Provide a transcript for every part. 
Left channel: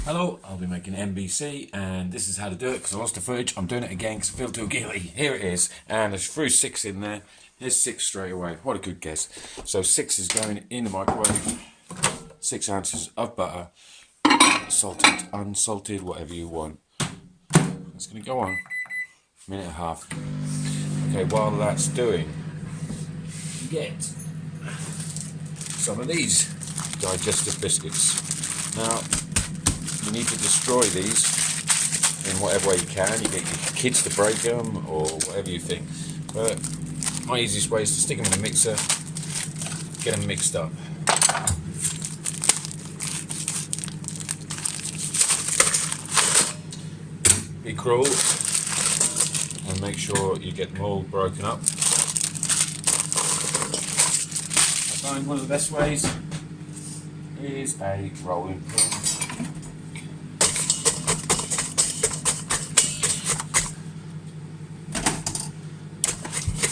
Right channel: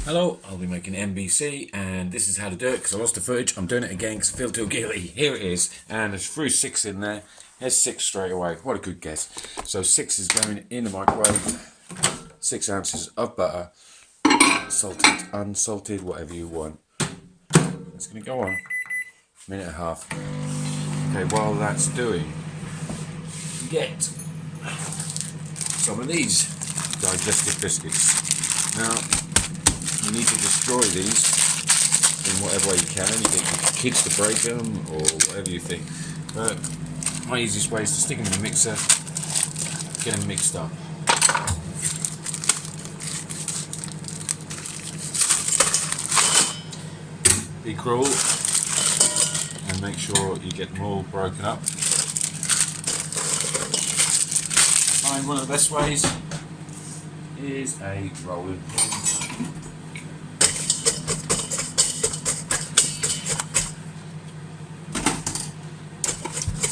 Hello, I'll be making MBC and this is how to do it because I lost the footage. I'm doing it again because I feel too guilty. Here it is, and there's threw 6 in there. There's 6 straight away. What a good guess. So 6 is going in the microwave. 6 ounces of butter, salted, unsalted, whatever you want. It's going to go on a minute and a half. Okay, while that's doing, get some of these digestive biscuits. Now, you need to destroy these in whatever way you can. You get your kids to break them or whatever you think. But my easiest way is to stick them in a mixer, get them mixed up. Be cruel and make sure you get them all broken up. I find one of the best ways is a rolling pin.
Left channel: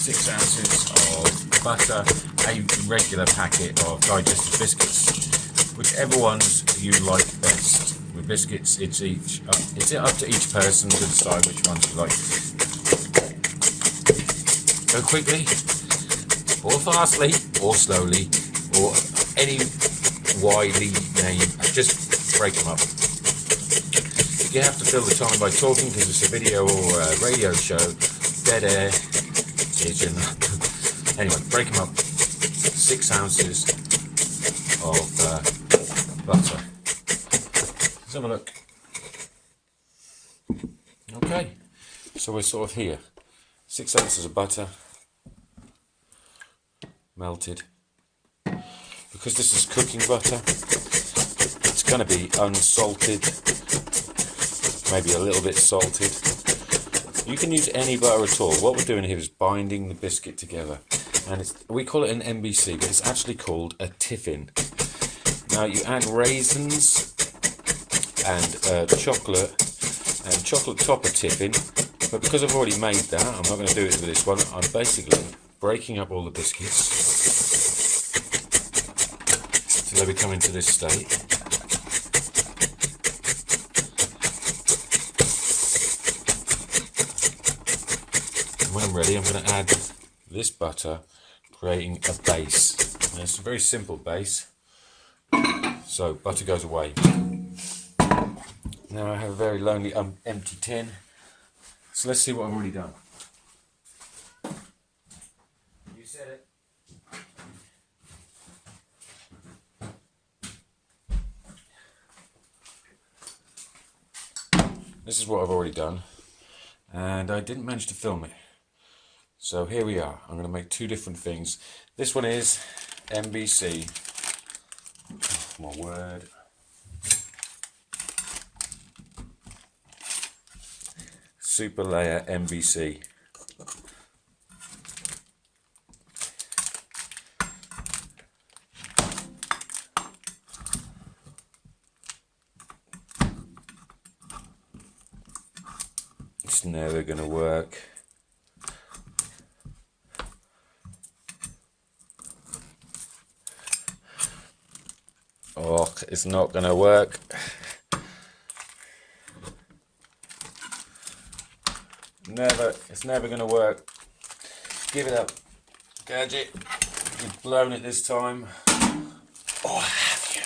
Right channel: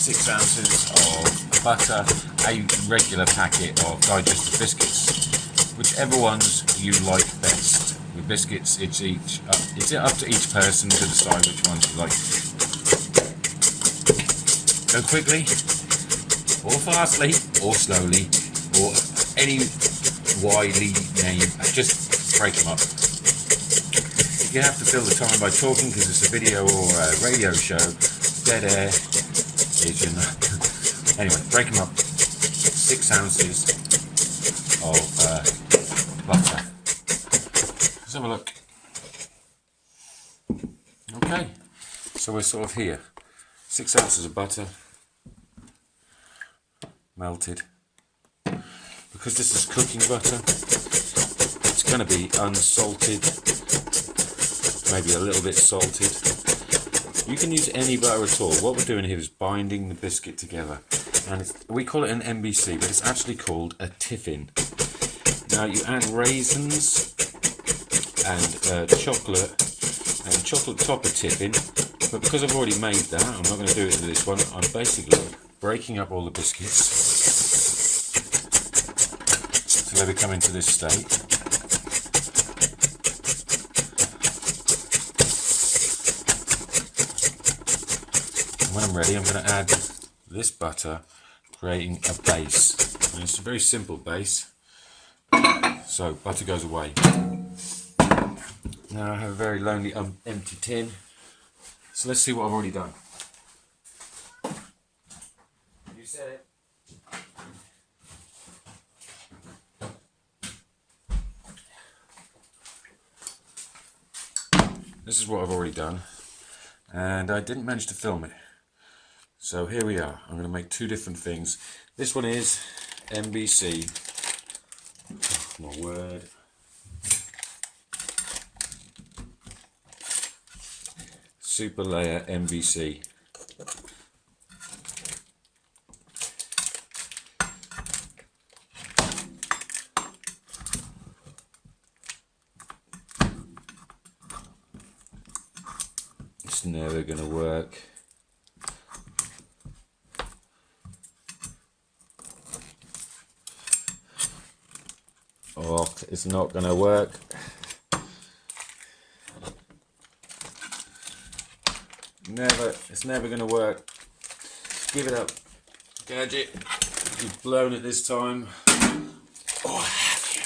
6 ounces of butter, a regular packet of digestive biscuits, whichever ones you like best. With biscuits, it's up to each person to decide which ones you like. Go quickly, or fastly, or slowly, or any widely named. Just break them up. If you have to fill the time by talking because it's a video or a radio show, dead air. Anyway, break them up. 6 ounces of butter. Let's have a look. Okay, so we're sort of here. 6 ounces of butter, melted. Because this is cooking butter, it's going to be unsalted, maybe a little bit salted. You can use any butter at all. What we're doing here is binding the biscuit together. And we call it an MBC, but it's actually called a tiffin. Now you add raisins and chocolate topper tiffin. But because I've already made that, I'm not going to do it with this one. I'm basically breaking up all the biscuits till they become into this state. When I'm ready, I'm going to add this butter, creating a base. And it's a very simple base. So butter goes away. Now I have a very lonely empty tin. So let's see what I've already done. You said it. This is what I've already done. And I didn't manage to film it. So here we are. I'm going to make 2 different things. This one is MBC. Oh, my word. Super layer MBC. It's never going to work. Oh, it's not going to work. It's never going to work. Give it up, Gadget. You've blown it this time. Or have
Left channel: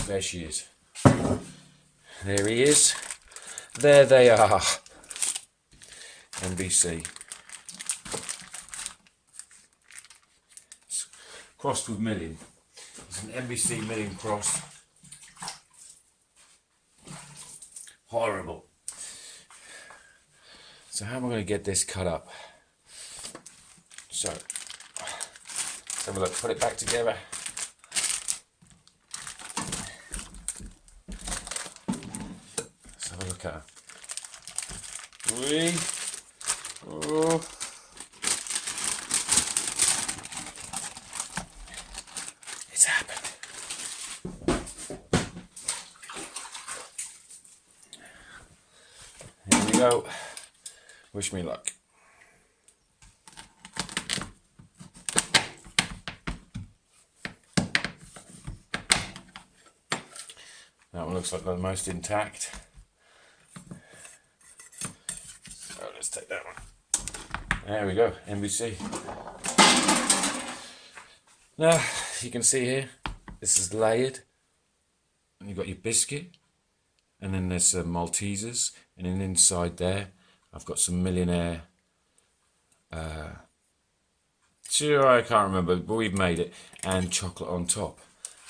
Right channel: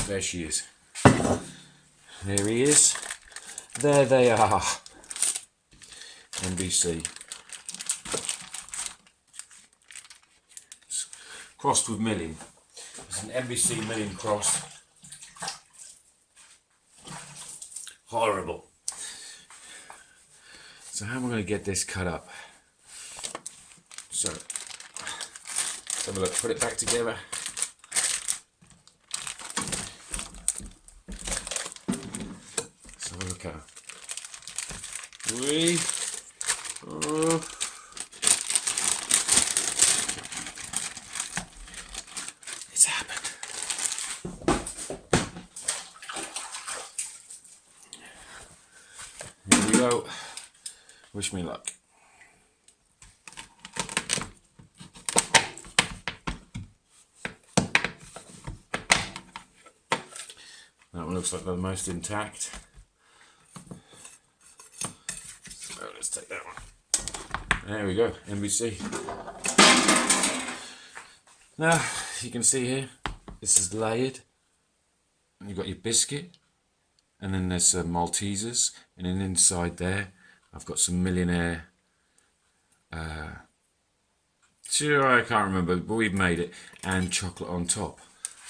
you? There she is. There he is. There they are. NBC. It's crossed with milling. It's an NBC milling cross. Horrible. So how am I going to get this cut up? So, let's have a look. Put it back together. Let's have a look at her. 3, 4. It's happened. Here we go. Wish me luck. That one looks like the most intact. So let's take that one. There we go, NBC. Now, you can see here, this is layered. And you've got your biscuit. And then there's some Maltesers. And then inside there, I've got some Millionaire. Sure, I can't remember, but we've made it. And chocolate on top.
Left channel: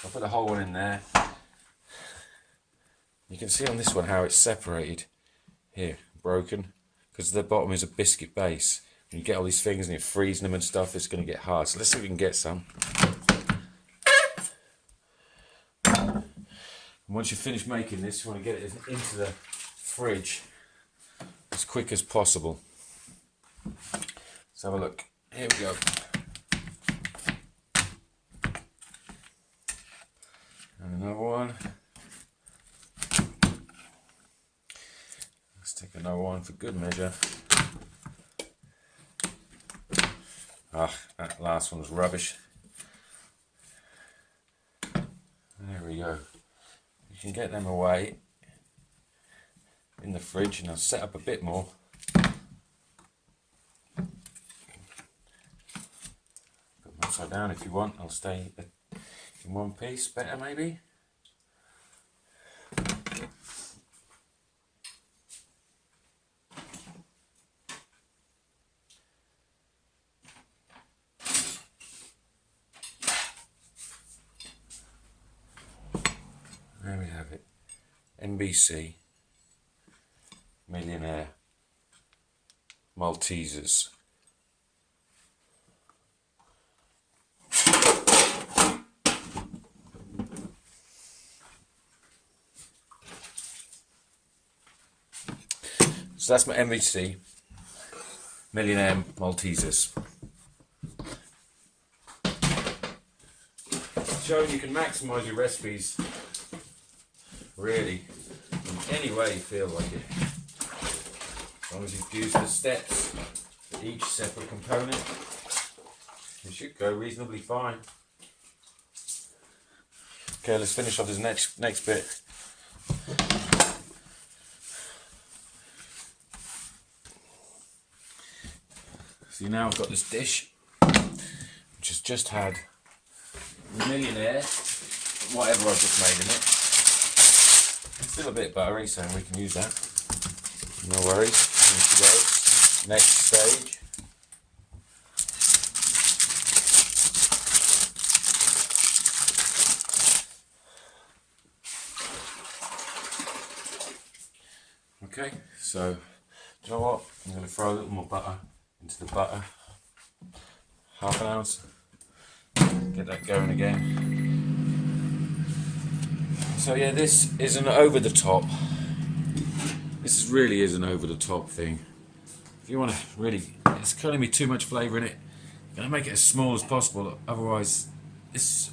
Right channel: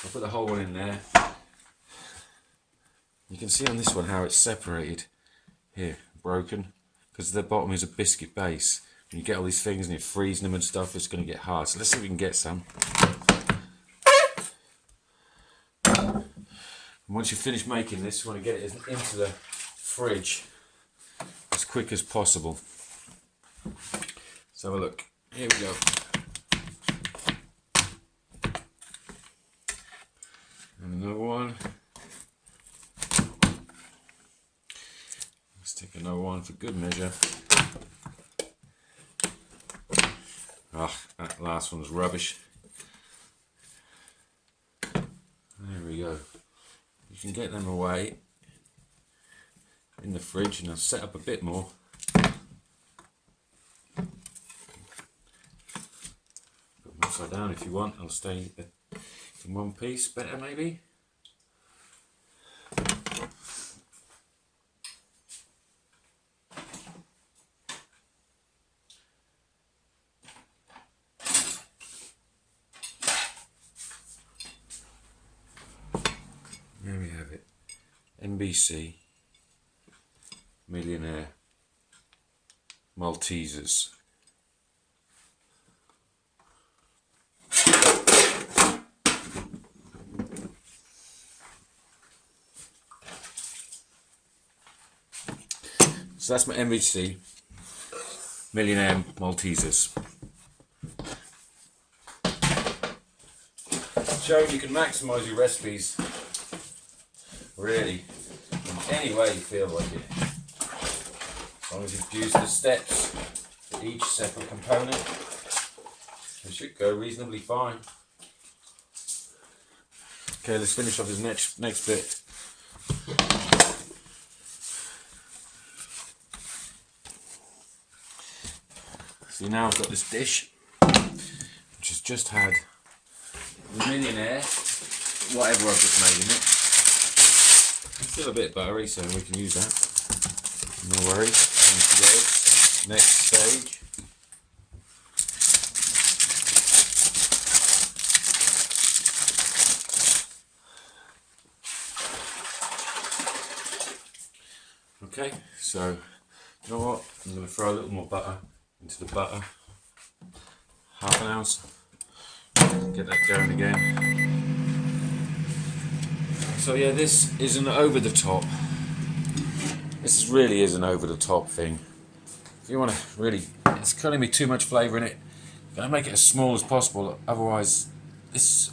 I'll put the whole one in there. You can see on this one how it's separated. Here, broken. Because the bottom is a biscuit base. When you get all these things and you're freezing them and stuff, it's going to get hard. So let's see if we can get some. And once you finish making this, you want to get it into the fridge as quick as possible. Let's have a look. Here we go. And another one. Let's take another one for good measure. Ah, that last one's rubbish. There we go. You can get them away in the fridge, and I'll set up a bit more. Put them upside down if you want. I'll stay in one piece, better maybe. There we have it. NBC Millionaire Maltesers. So that's my NBC Millionaire Maltesers. So you can maximise your recipes really in any way you feel like it. As long as you use the steps for each separate component, it should go reasonably fine. Okay, let's finish off this next bit. See, now I've got this dish which has just had the Millionaire, whatever I've just made in it. It's still a bit buttery, so we can use that. No worries. Next stage. Okay, so do you know what? I'm going to throw a little more butter into the butter. Half an ounce. Get that going again. So yeah, this isn't over the top. This really is an over the top thing. If you want to really, it's going to be too much flavour in it. You're going to make it as small as possible. Otherwise, it's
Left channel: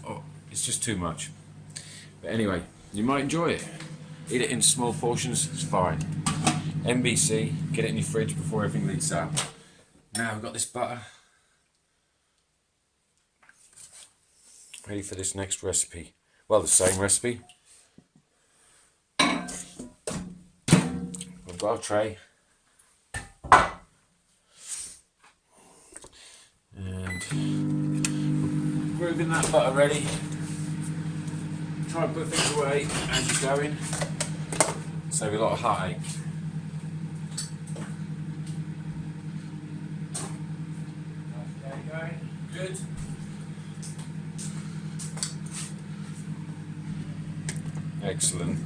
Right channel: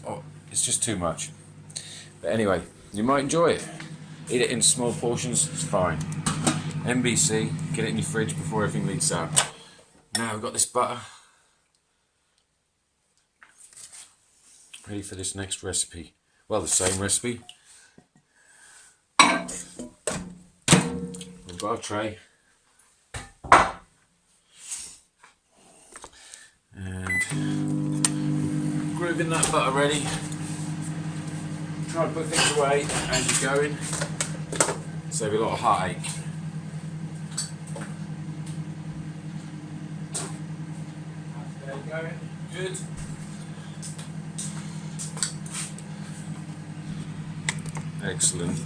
just too much. But anyway, you might enjoy it. Eat it in small portions. It's fine. NBC. Get it in your fridge before everything leaks out. Now we've got this butter. Ready for this next recipe. Well, the same recipe. We've got a tray. And grooving that butter ready. Try and put things away as you're going. Save a lot of heartache. There you go. Good. Excellent.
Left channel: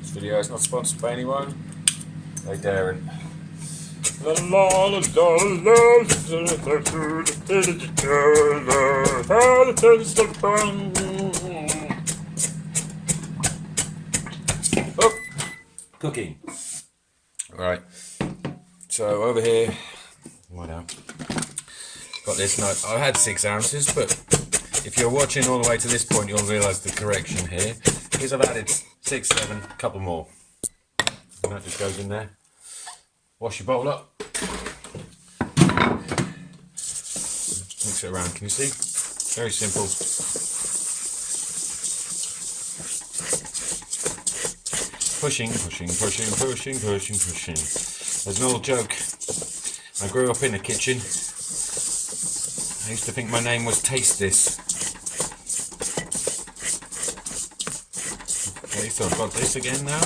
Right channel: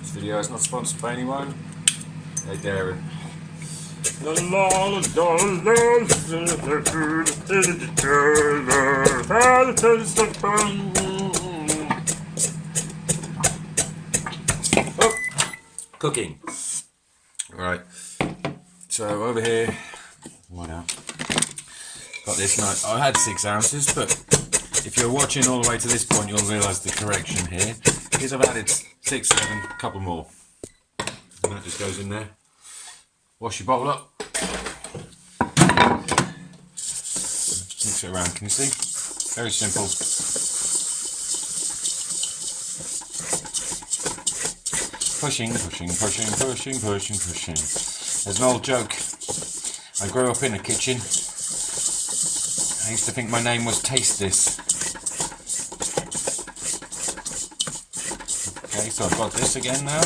This video is not sponsored by anyone. They daren't. Oh, cooking. Right. So over here, what else? Got this night. I had 6 ounces, but if you're watching all the way to this point, you'll realise the correction here. Because I've added 6, 7, a couple more. And that just goes in there. Wash your bowl up. Mix it around, can you see? Very simple. Pushing, pushing, pushing, pushing, pushing, pushing. There's an old joke. I grew up in a kitchen. I used to think my name was Taste This. Okay, so I've got this again now.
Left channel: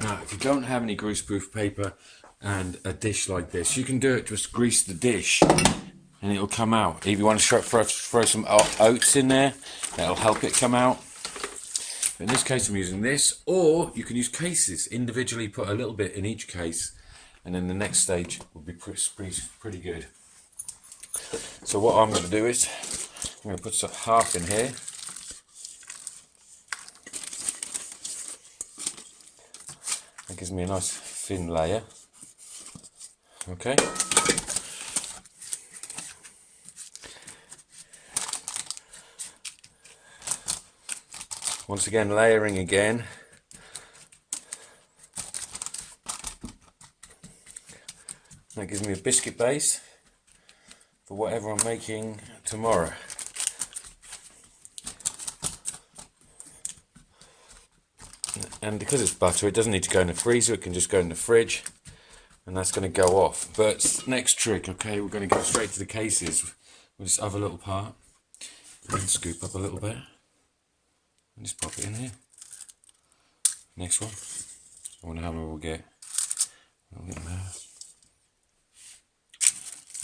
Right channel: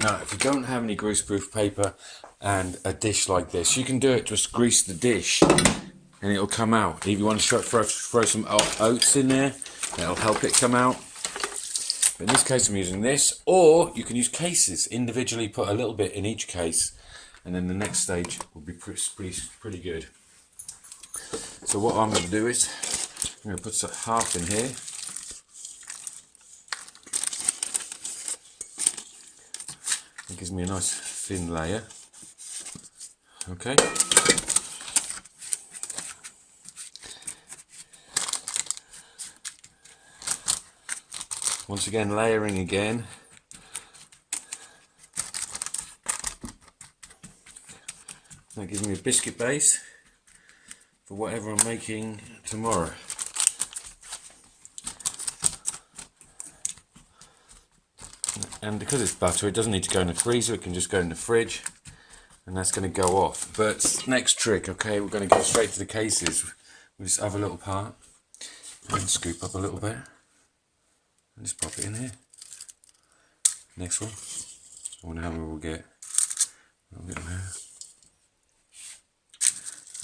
Now, if you don't have any greaseproof paper and a dish like this, you can do it, just grease the dish and it'll come out. If you want to throw some oats in there, that'll help it come out. But in this case I'm using this, or you can use cases, individually put a little bit in each case, and then the next stage will be pretty good. So what I'm going to do is, I'm going to put half in here. That gives me a nice thin layer. Okay. Once again, layering again. That gives me a biscuit base for whatever I'm making tomorrow. And because it's butter, it doesn't need to go in the freezer, it can just go in the fridge, and that's going to go off. But next trick, okay, we're going to go straight to the cases with this other little part. And scoop up a little bit, and just pop it in here. Next one, I wonder how many we'll get. A little bit there.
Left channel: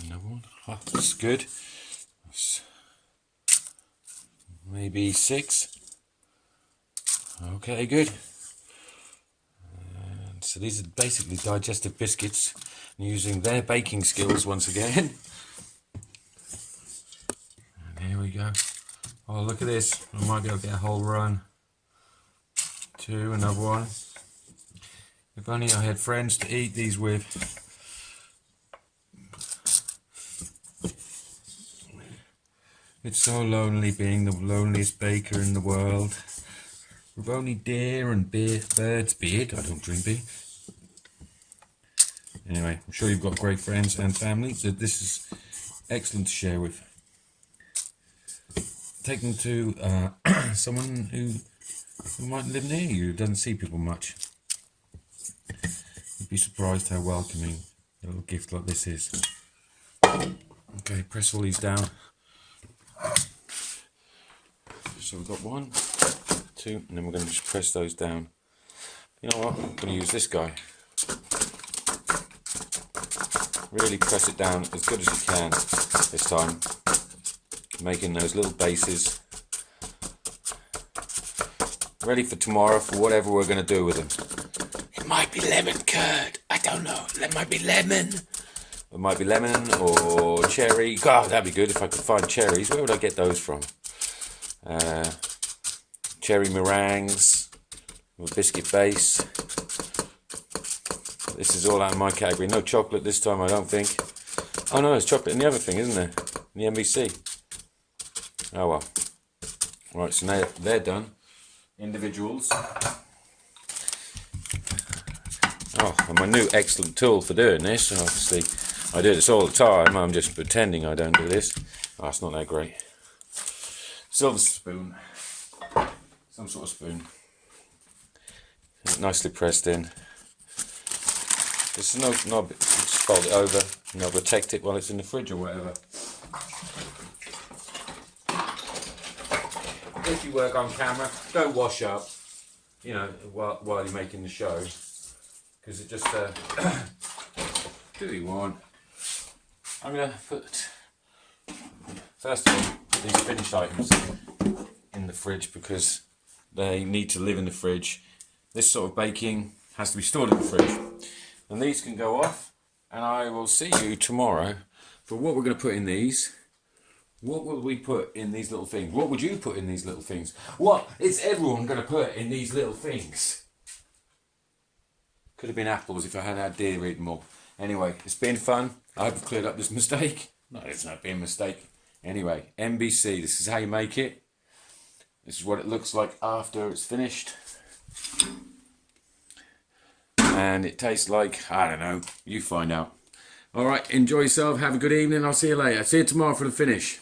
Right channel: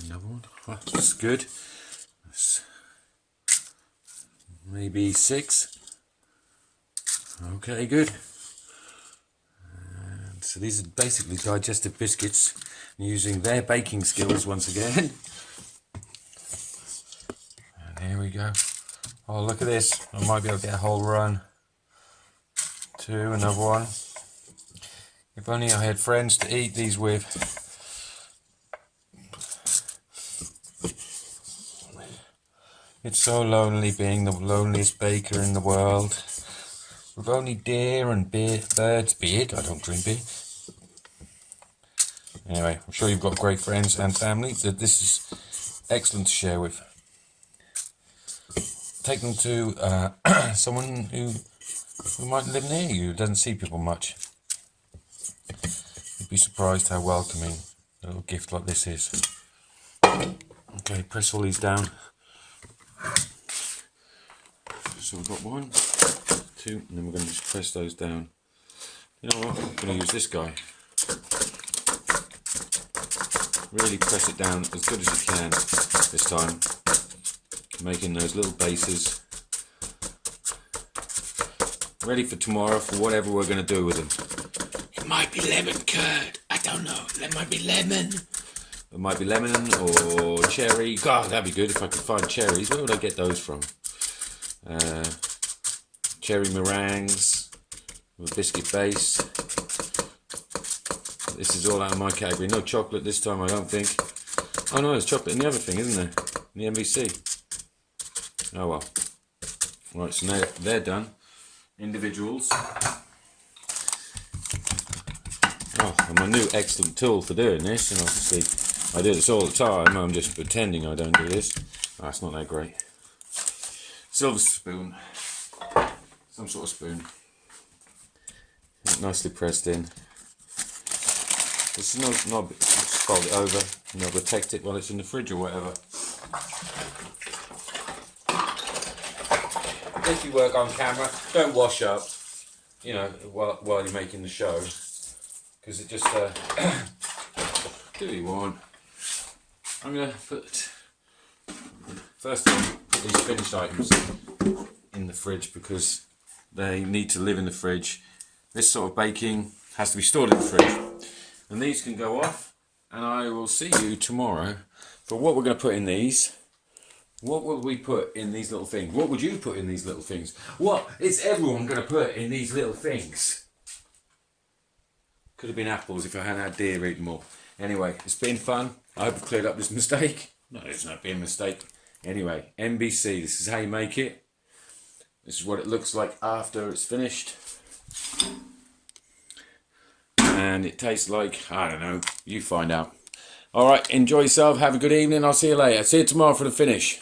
Another one, oh, that's good. That's maybe 6. Okay, good. And so these are basically digestive biscuits, using their baking skills once again. And here we go. Oh, look at this. I might be able to get a whole run. 2, another one. If only I had friends to eat these with. It's so lonely being the loneliest baker in the world. With only deer and birds beard. I don't drink beer. Anyway, I'm sure you've got great friends and family that this is excellent to share with. Take them to someone who might live near you, who doesn't see people much. You'd be surprised how welcoming a little gift like this is. Okay, press all these down. So we've got 1, 2, and then we're going to just press those down. You know what, I'm going to use this guy. Really press it down as good as you can this time, making those little bases ready for tomorrow for whatever we're going to do with them. It might be lemon curd, I don't know, it might be lemon. It might be lemon or cherry. God, that'd be good if I could find cherries. Where would I get those from? Cherry meringues with a biscuit base. This is all out of my category. No chocolate this time, I don't think. Oh no, there's chocolate in the other thing, isn't there? In the MVC. Oh well. Right, so now they're done. Individuals. Oh, and my new excellent tool for doing this, and obviously I do this all the time, I'm just pretending I don't do this. Oh, it's not that great. Silver spoon. Some sort of spoon. Nicely pressed in. This is no, just fold it over and I'll protect it while it's in the fridge or whatever. If you work on camera, don't wash up, you know, while you're making the show, because it just do what you want. I'm going to put first these finished items in the fridge because they need to live in the fridge. This sort of baking has to be stored in the fridge, and these can go off, and I will see you tomorrow for what we're going to put in these. What will we put in these little things? What would you put in these little things? What is everyone going to put in these little things? Could have been apples if I hadn't had deer eating more. Anyway, it's been fun. I hope I've cleared up this mistake. No, it's not been a mistake. Anyway, NBC, this is how you make it. This is what it looks like after it's finished. and it tastes like, I don't know, you find out. All right, enjoy yourself, have a good evening, I'll see you later. See you tomorrow for the finish.